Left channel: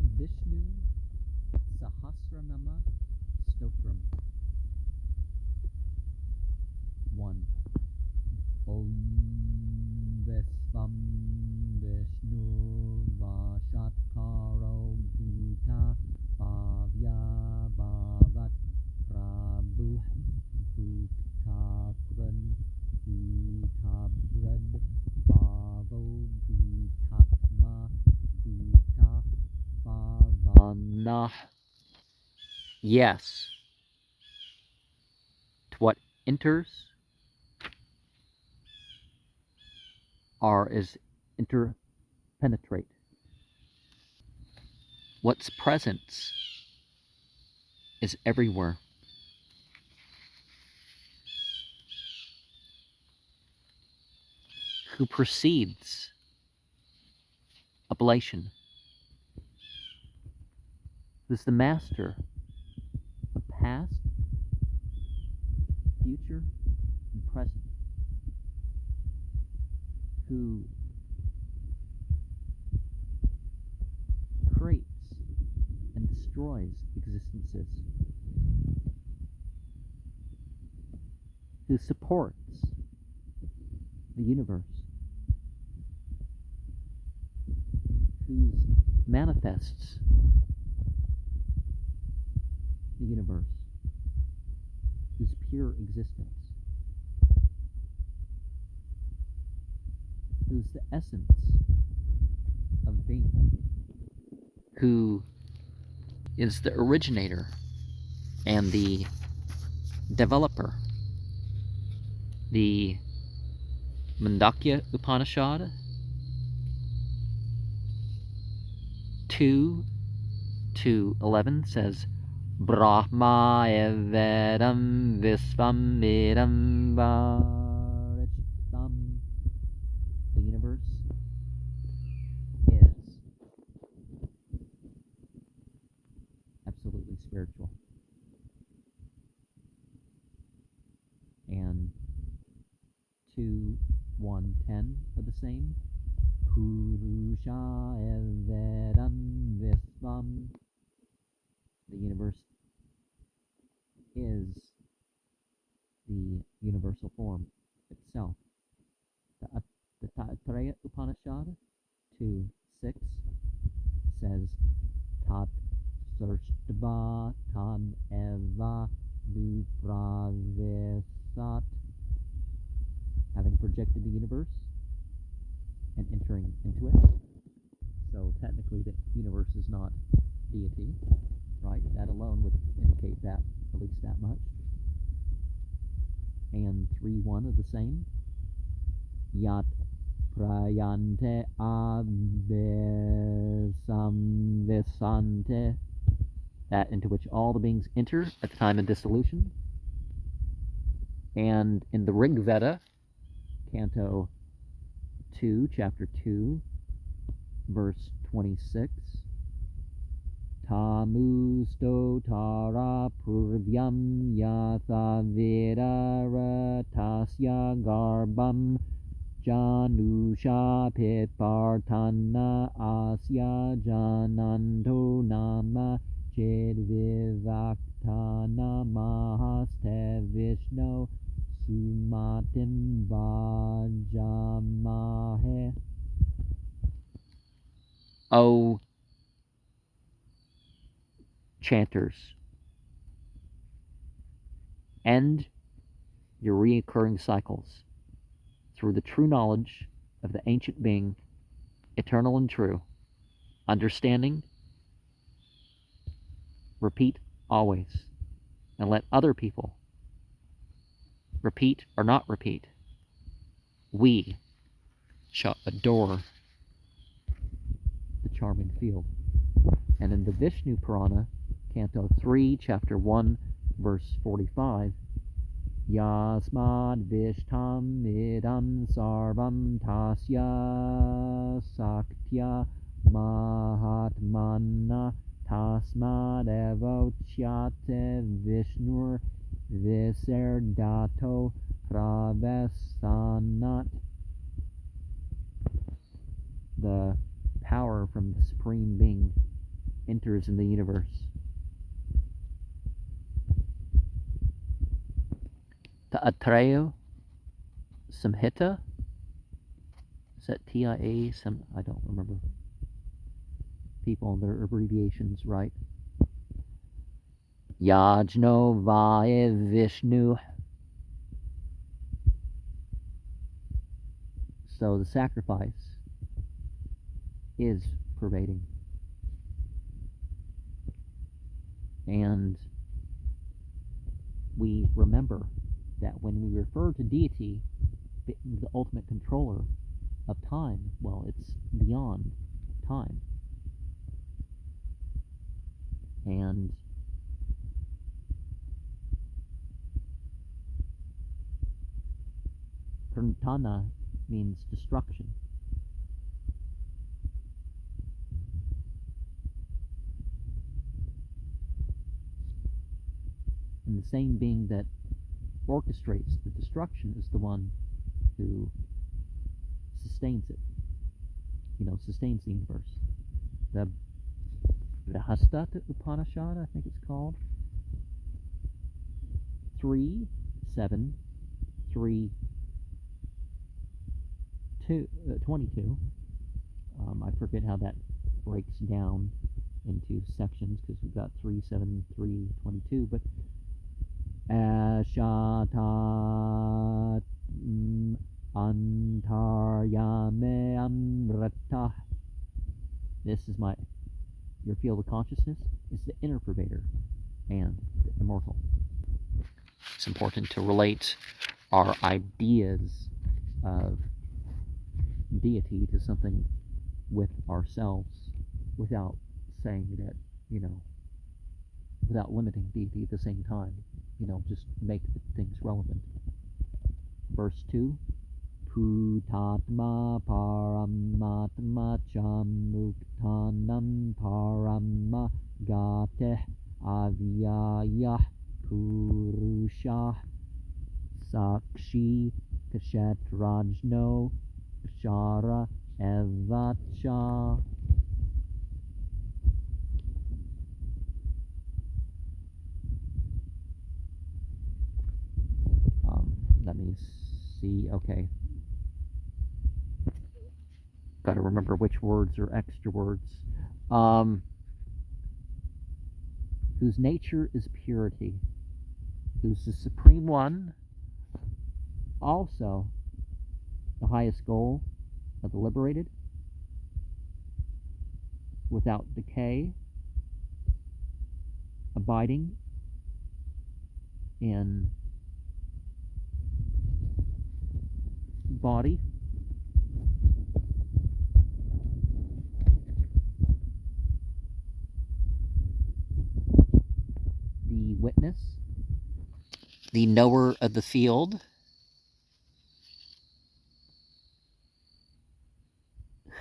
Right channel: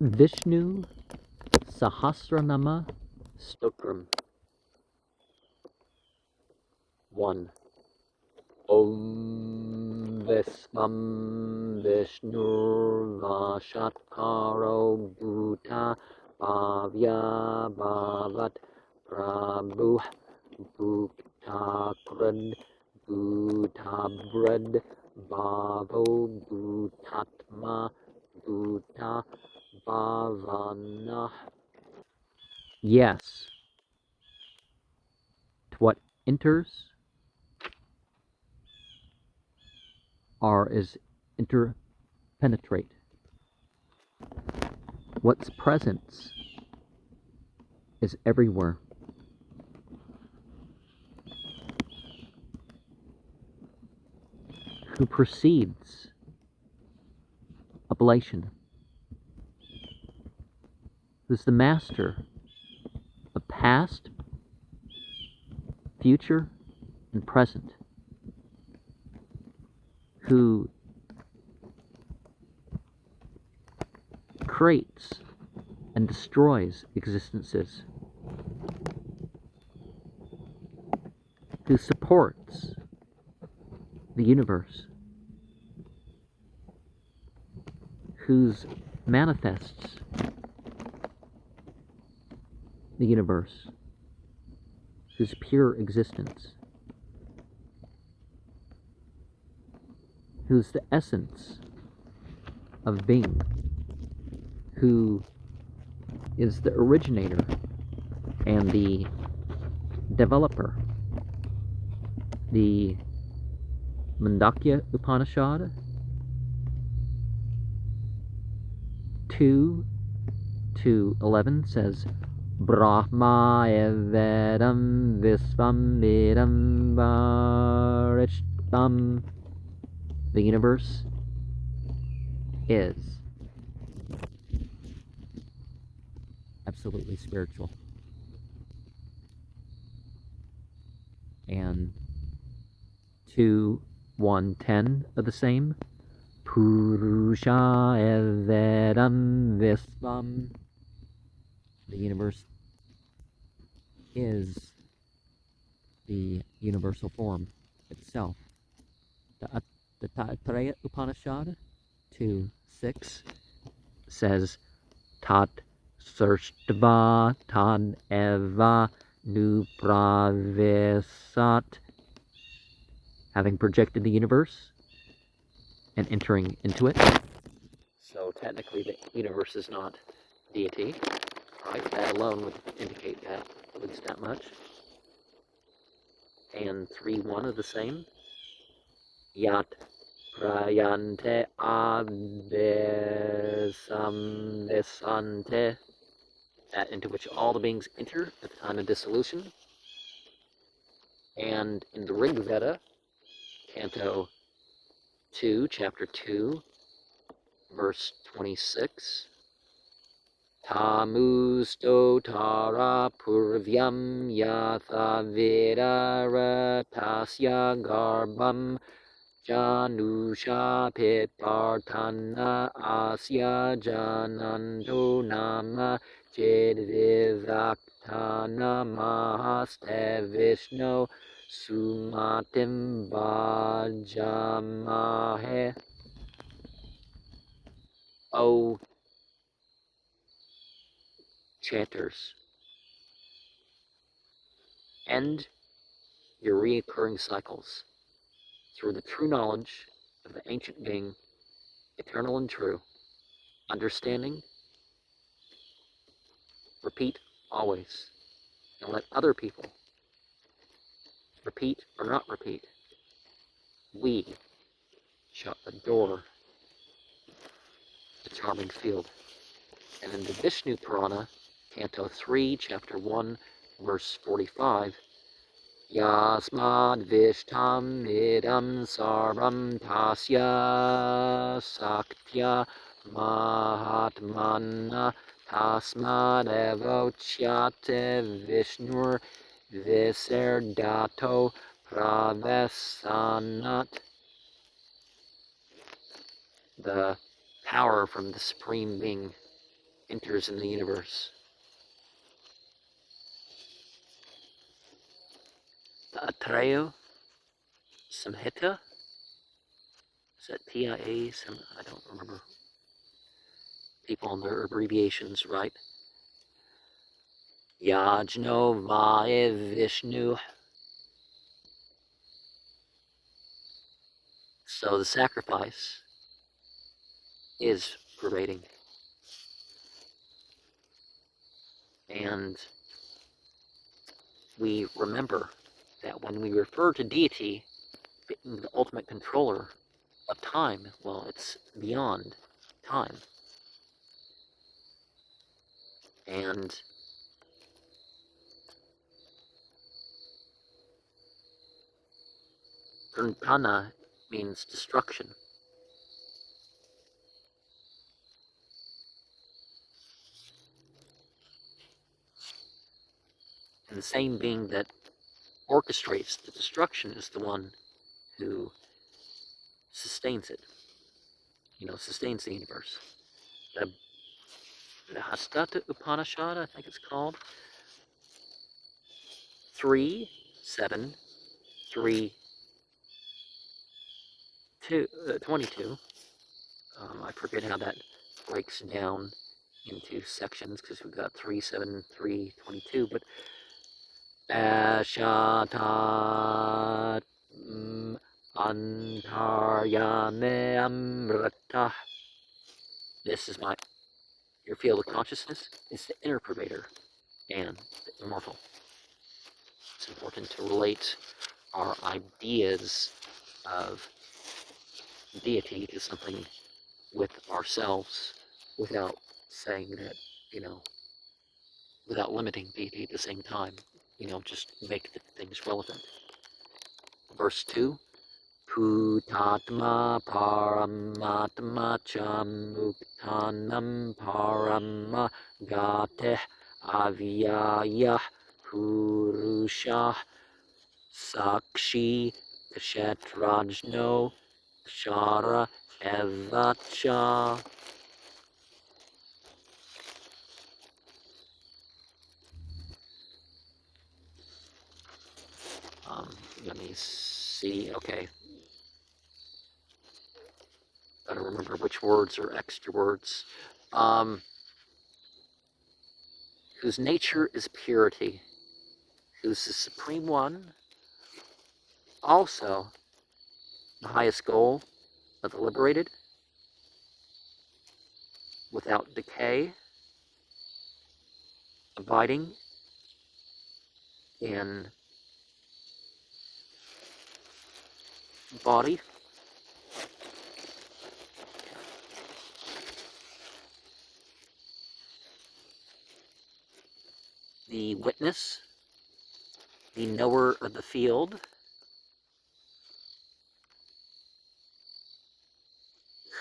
Visnu Sahasra Stotram 1. Om Visvam Vishnurvashatkaro Bhuta Bhavya Bhavat Prabhu Bhuktakrad Bhutabrad Bhavo Bhutatma Bhuta Bhavana. Yes, to what enters are is interpenetrate. What's presence is everywhere. Who precedes ablation? Who's the master of past, future, and present? Who creates and destroys existences? Who supports the universe? Whose manifests the universe? Whose pure existence? Who's the essence of being? Who is the originator and the developer? The Mandakya Upanishad 2:11 says, Brahma evedam visvam idam varishtam. The universe is absolutely spiritual. And 2:110 of the same, Purusha evedam visvam. The universe is the universal form itself. The Taittiriya Upanishad 2:6 says, Tat Sarštva Tad Eva Nupravisat. Having projected the universe and entering into it. So technically the universe is not deity. Right? That alone would indicate that, at least that much. And 3:1 of the same. Yat prayante abhisamvisante. That into which all the beings enter at the time of dissolution. And in the Rig Veda, Canto 2, Chapter 2, verse 26, Tamu stotara purvyam yatha vidara tasya garbam janusha pitpartana asya jananto nama chedvivaktana mahaste Vishnu sumatim vajamahe. O chanters, end your reoccurring cycles through the true knowledge of the ancient being, eternal and true, understanding, repeat always, and let other people repeat or not repeat. We shall adore the charming field. And in the Vishnu Purana, Canto 3, Chapter 1, verse 45, Yasmad Vishtam idam sarvam tasya saktya mahatmana tasmad evochyate Vishnur visardato pravesanat. The power from the Supreme Being enters in the universe. The Atreo Samhita, is that TIA? I don't remember. People on their abbreviations, right? Yajno Vaya Vishnu. So the sacrifice is pervading. And we remember that when we refer to deity, the ultimate controller of time, well, it's beyond time. And Prantana means destruction. And the same being that orchestrates the destruction is the one who sustains it, sustains the universe. The Hastata Upanishad, I think it's called, 3, 7, 3, 22. I forget how that breaks down into sections because we've got 3, 7, 3, 22, but Ashatat Antaryame Amrata. This is your field of consciousness is the inner pervader and the immortal. It's important to relate our ideas of deity to something with ourselves without saying that, without limiting deity at the same time. Just make the things relevant. Verse 2, Putatma Paramatma Chamuktanam Parama Gate Avyaya Purusha Sakshi Kshetrajno Shara Evacha. Let me see. Okay. Got to remember which words are extra words. Whose nature is purity, who's the supreme one, also the highest goal of the liberated, without decay, abiding in body, the witness, the knower of the field,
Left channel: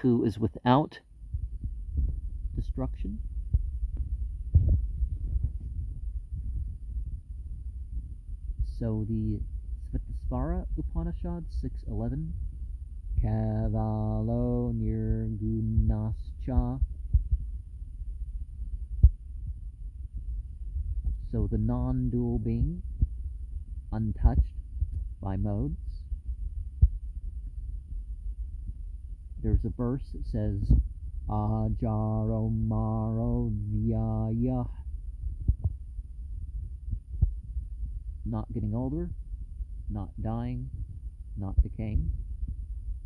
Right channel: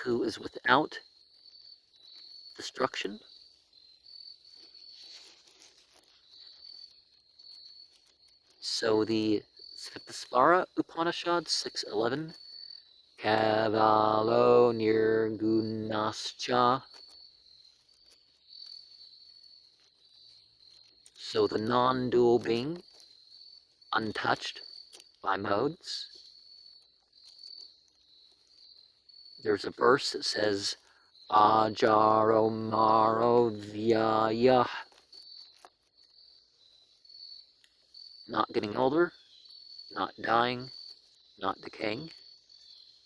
who is without destruction, so the Svitasvara Upanishad 6:11, Kavalo Nirgunascha. So the non-dual being, untouched by modes. There's a verse that says, Ajaro Maro Vyaya. Not getting older, not dying, not decaying.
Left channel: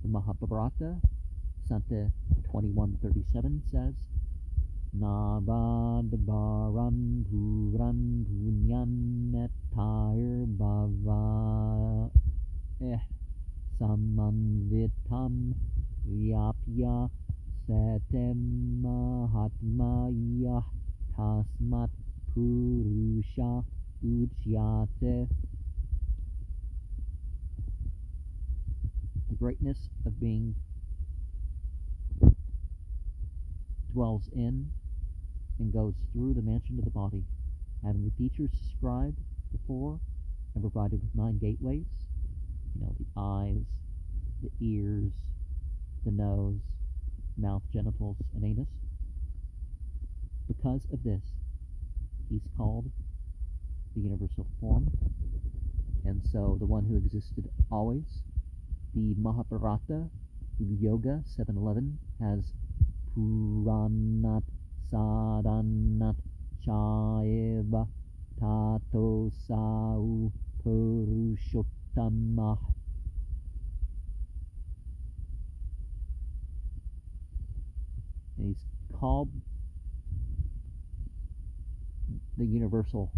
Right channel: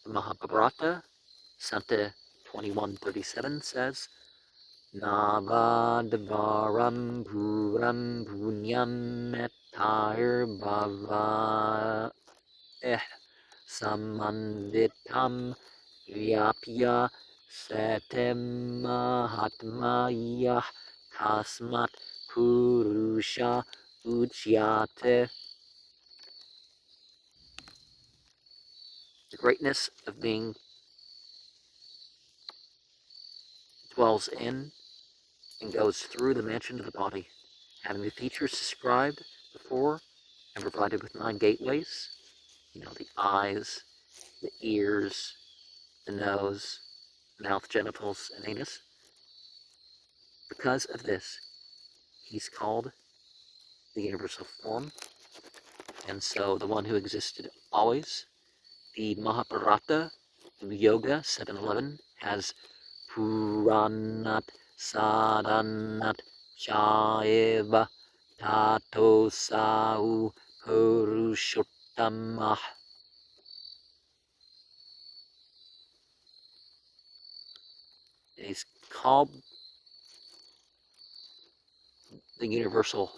The Mahabharata, Santa 21:37 says, Navadvaram Puram Punyam Mettair Bhava Samanvitam Vyapya Satem Mahatmaya Tasmat Purusha Ujyate. The greatness of being dwells in and goes through the mansion of the body, having the features described before and provided with 9 gateways, the eyes, the ears, the nose, mouth, genitals, and anus. The because of this, he's called the universal form. And so the one who existed always, the Mahabharata Yoga 711 has Puranat Sadanat Chaiva Tato Sau Purushottamah. And he's called the universal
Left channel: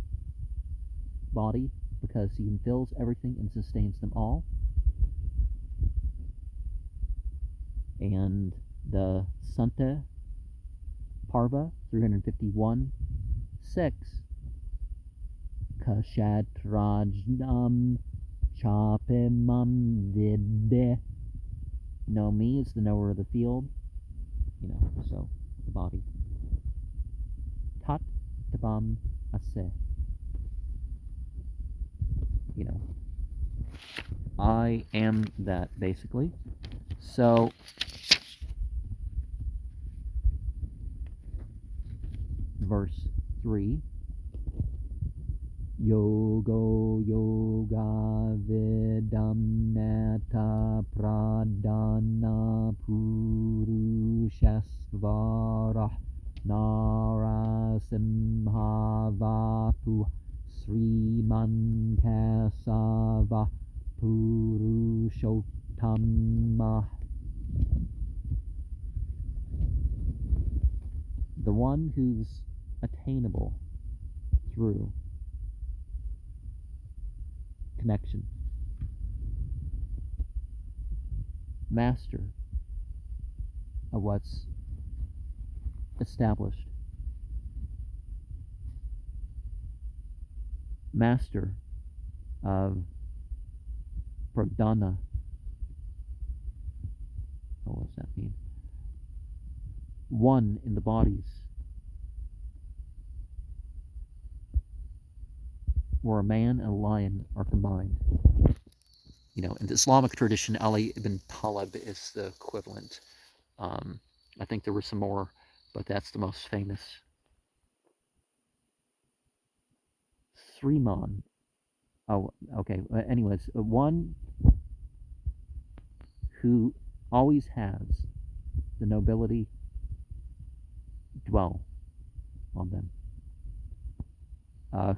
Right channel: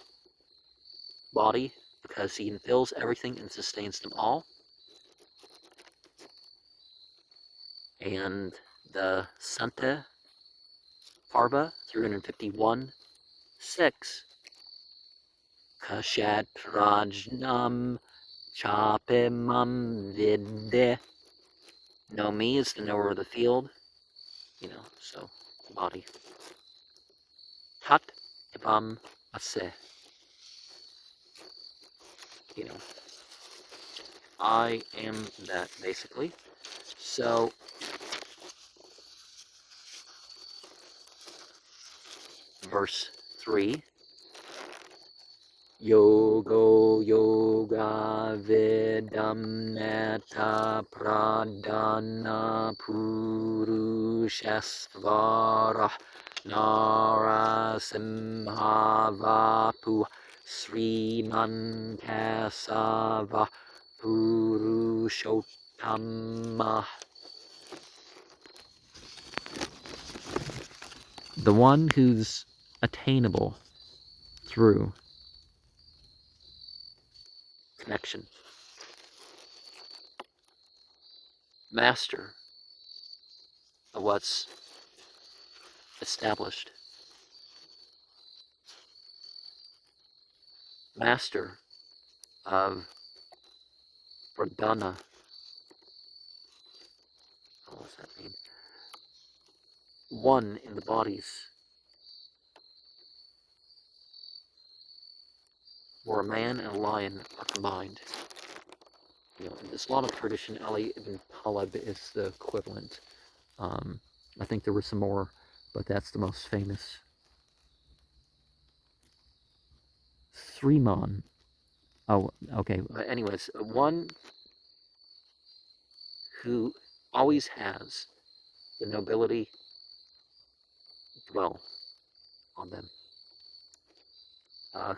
body because he infills everything and sustains them all. And the Santa Parva 351:6 Kashatrajnam Chapimam Vidde. Know me is the knower of the field, so the body. Tat Ibam Ase. I am that, basically. So verse 3, Yogo Yoga Vidam Nata Pradana Purushasvara Narasimhavapu Srimankasava Purushottama. The one who's attainable through connection. Master of what's established. Master of Pradana. What does that mean? One in the bodies. Where a man and a lion are combined. In the Islamic tradition, Ali ibn Talib is the equivalent. I think there were some more, but that's the most famous. Sriman. Oh, okay. Anyways, one who always has the nobility dwell on them.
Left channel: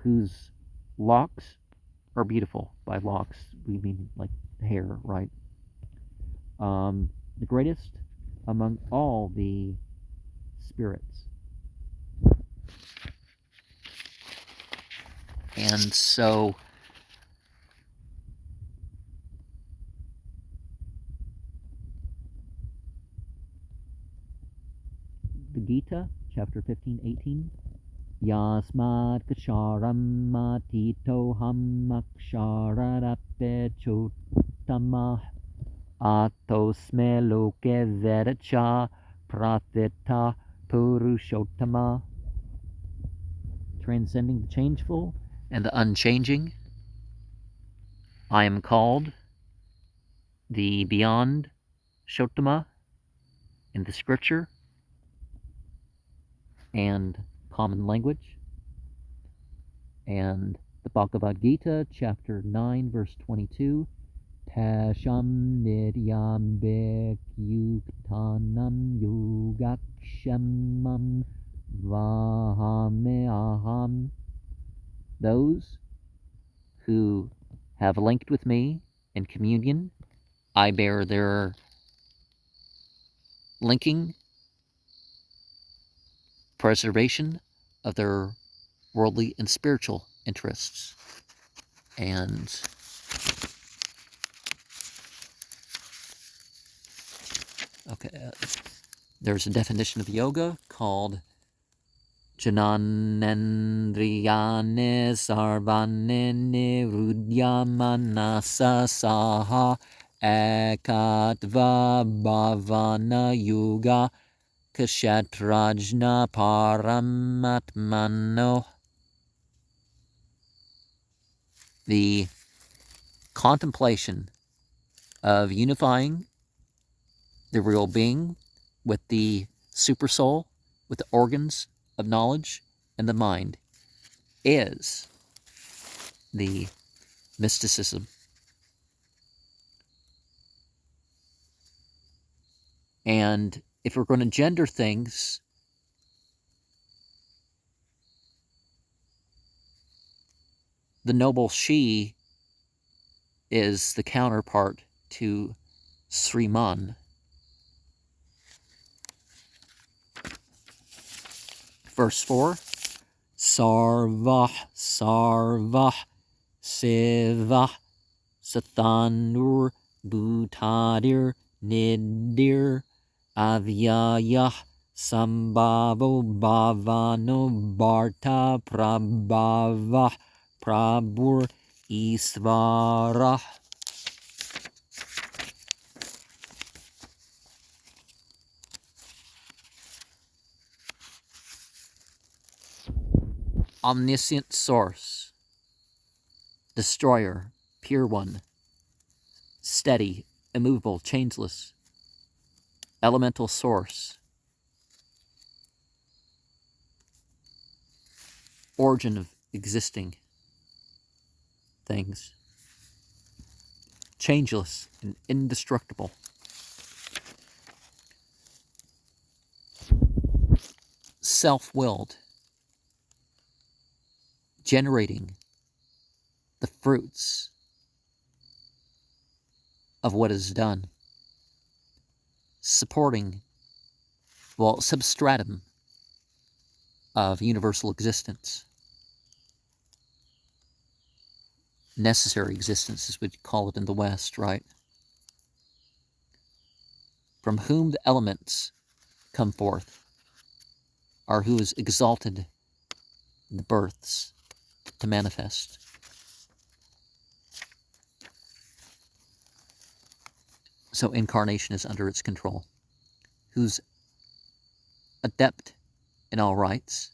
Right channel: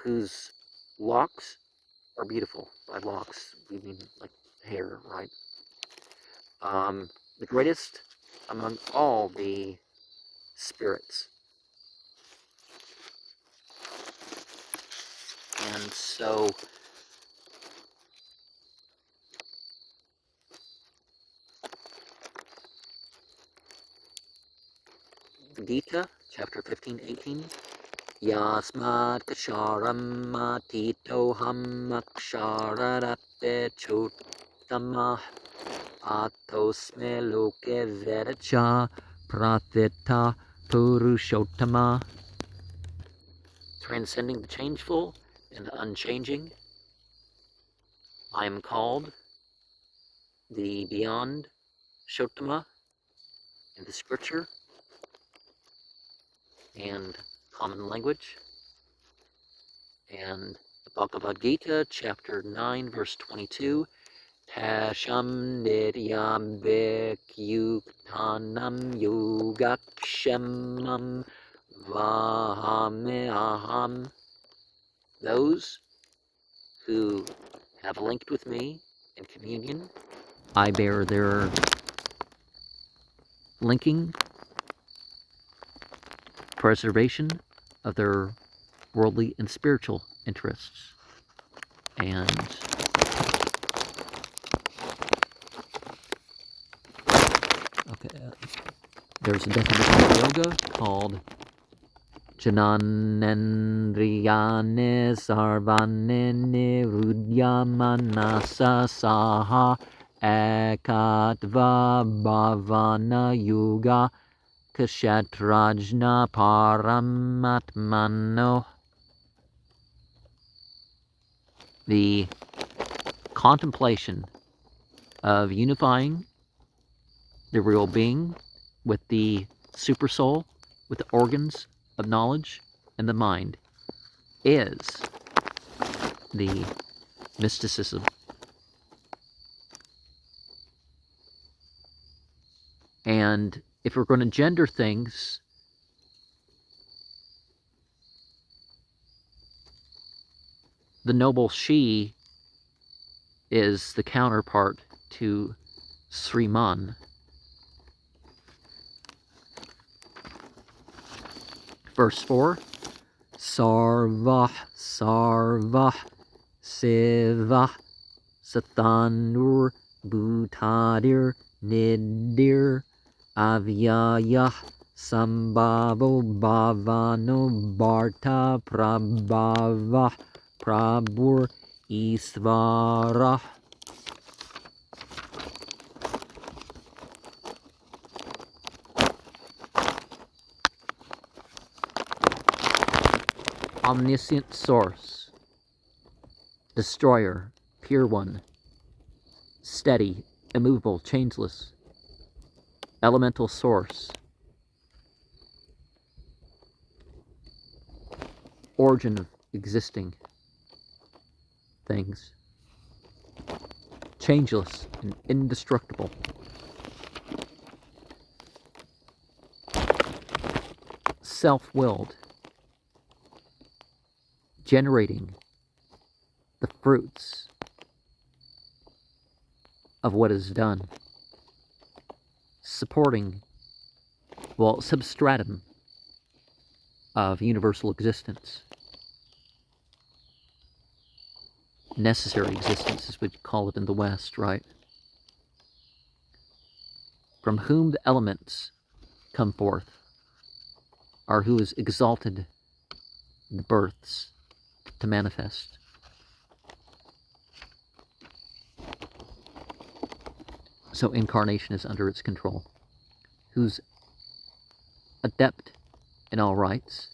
Whose locks are beautiful. By locks, we mean like hair, right? The greatest among all the spirits. And so the Gita, chapter 15:18, Yasmat Kasharam Matito Hamakshararape Chutama Atosme Loke Vedacha Pratita Purushottama. Transcending the changeful and the unchanging, I am called the beyond Shottama in the scripture and common language. And the Bhagavad Gita, chapter 9, verse 22, Tasham niryam vikyuktanam yogakshamam vahame aham. Those who have linked with me in communion, I bear their linking, preservation of their worldly and spiritual interests. And there's a definition of yoga called Jananendriyane Sarvane Nirudyamanasa Saha Ekatva Bhavana Yoga Kshatrajna Paramatmano. The contemplation of unifying the real being with the super soul, with the organs of knowledge and the mind is the mysticism. And if we're going to gender things, the noble she is the counterpart to Sriman. Verse 4, Sarvah, Sarvah, Siva, Sathanur, Bhutadir, Nidir, Avyaya, Sambhavo, Bhavano, Bharta, Prabhava, Prabhur, Isvara. Omniscient source, destroyer, pure one, steady, immovable, changeless, elemental source, origin of existing things, changeless and indestructible, self-willed, generating the fruits of what is done, supporting, well, substratum of universal existence, necessary existence as we call it in the West, right? From whom the elements come forth, or who is exalted the births to manifest. So incarnation is under its control. Who's adept in all rights,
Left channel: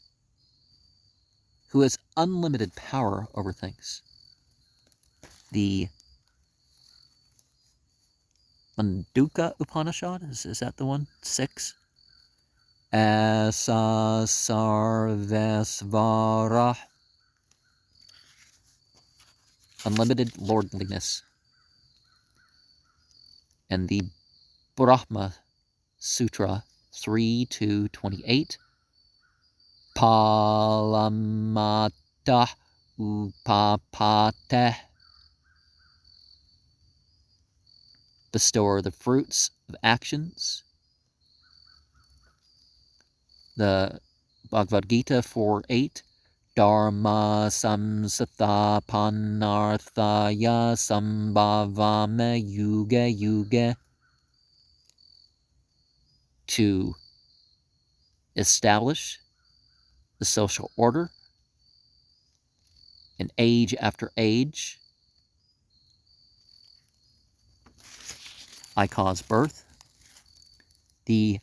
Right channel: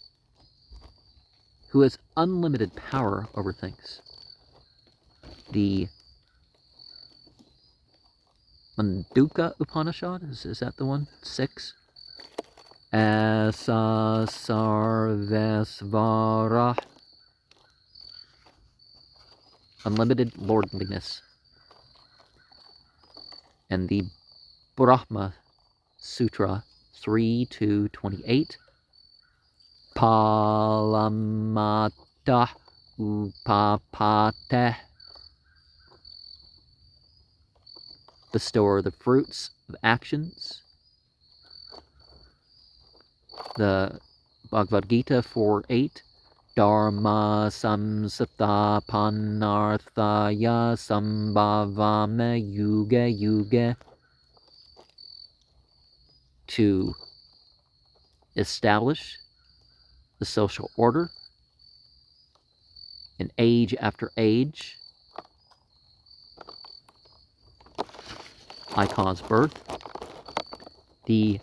who has unlimited power over things. The Manduka Upanishad, is that the one? 6? Asa Sarvesvara. Unlimited lordliness. And the Brahma Sutra 3-28. Palamata Upapate. Bestower of the fruits of actions. The Bhagavad Gita 4:8. Dharma samsatha panarthaya sambhavame yuga yuga. To establish the social order in age after age. I cause birth. The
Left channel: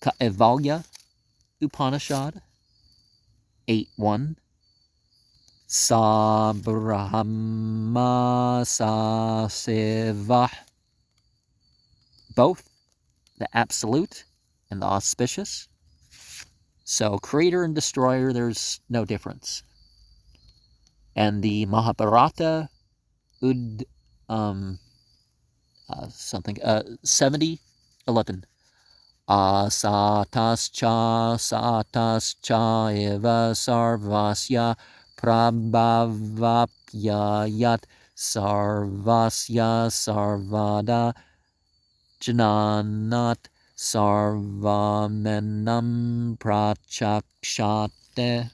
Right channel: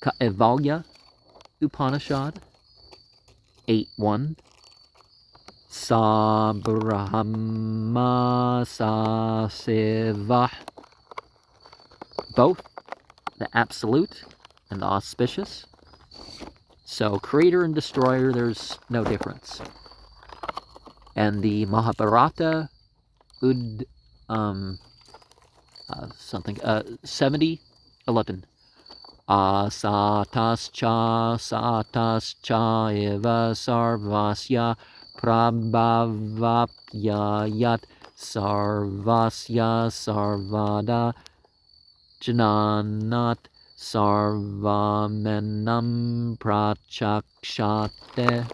Kaivalya Upanishad 8:1. Sa Brahma Sa Siva. Both the absolute and the auspicious. So creator and destroyer, there's no difference. And the Mahabharata 70:11. Satascha eva sarvasya prabhavapyayat sarvasya sarvada jananat sarvamenam prachakshate.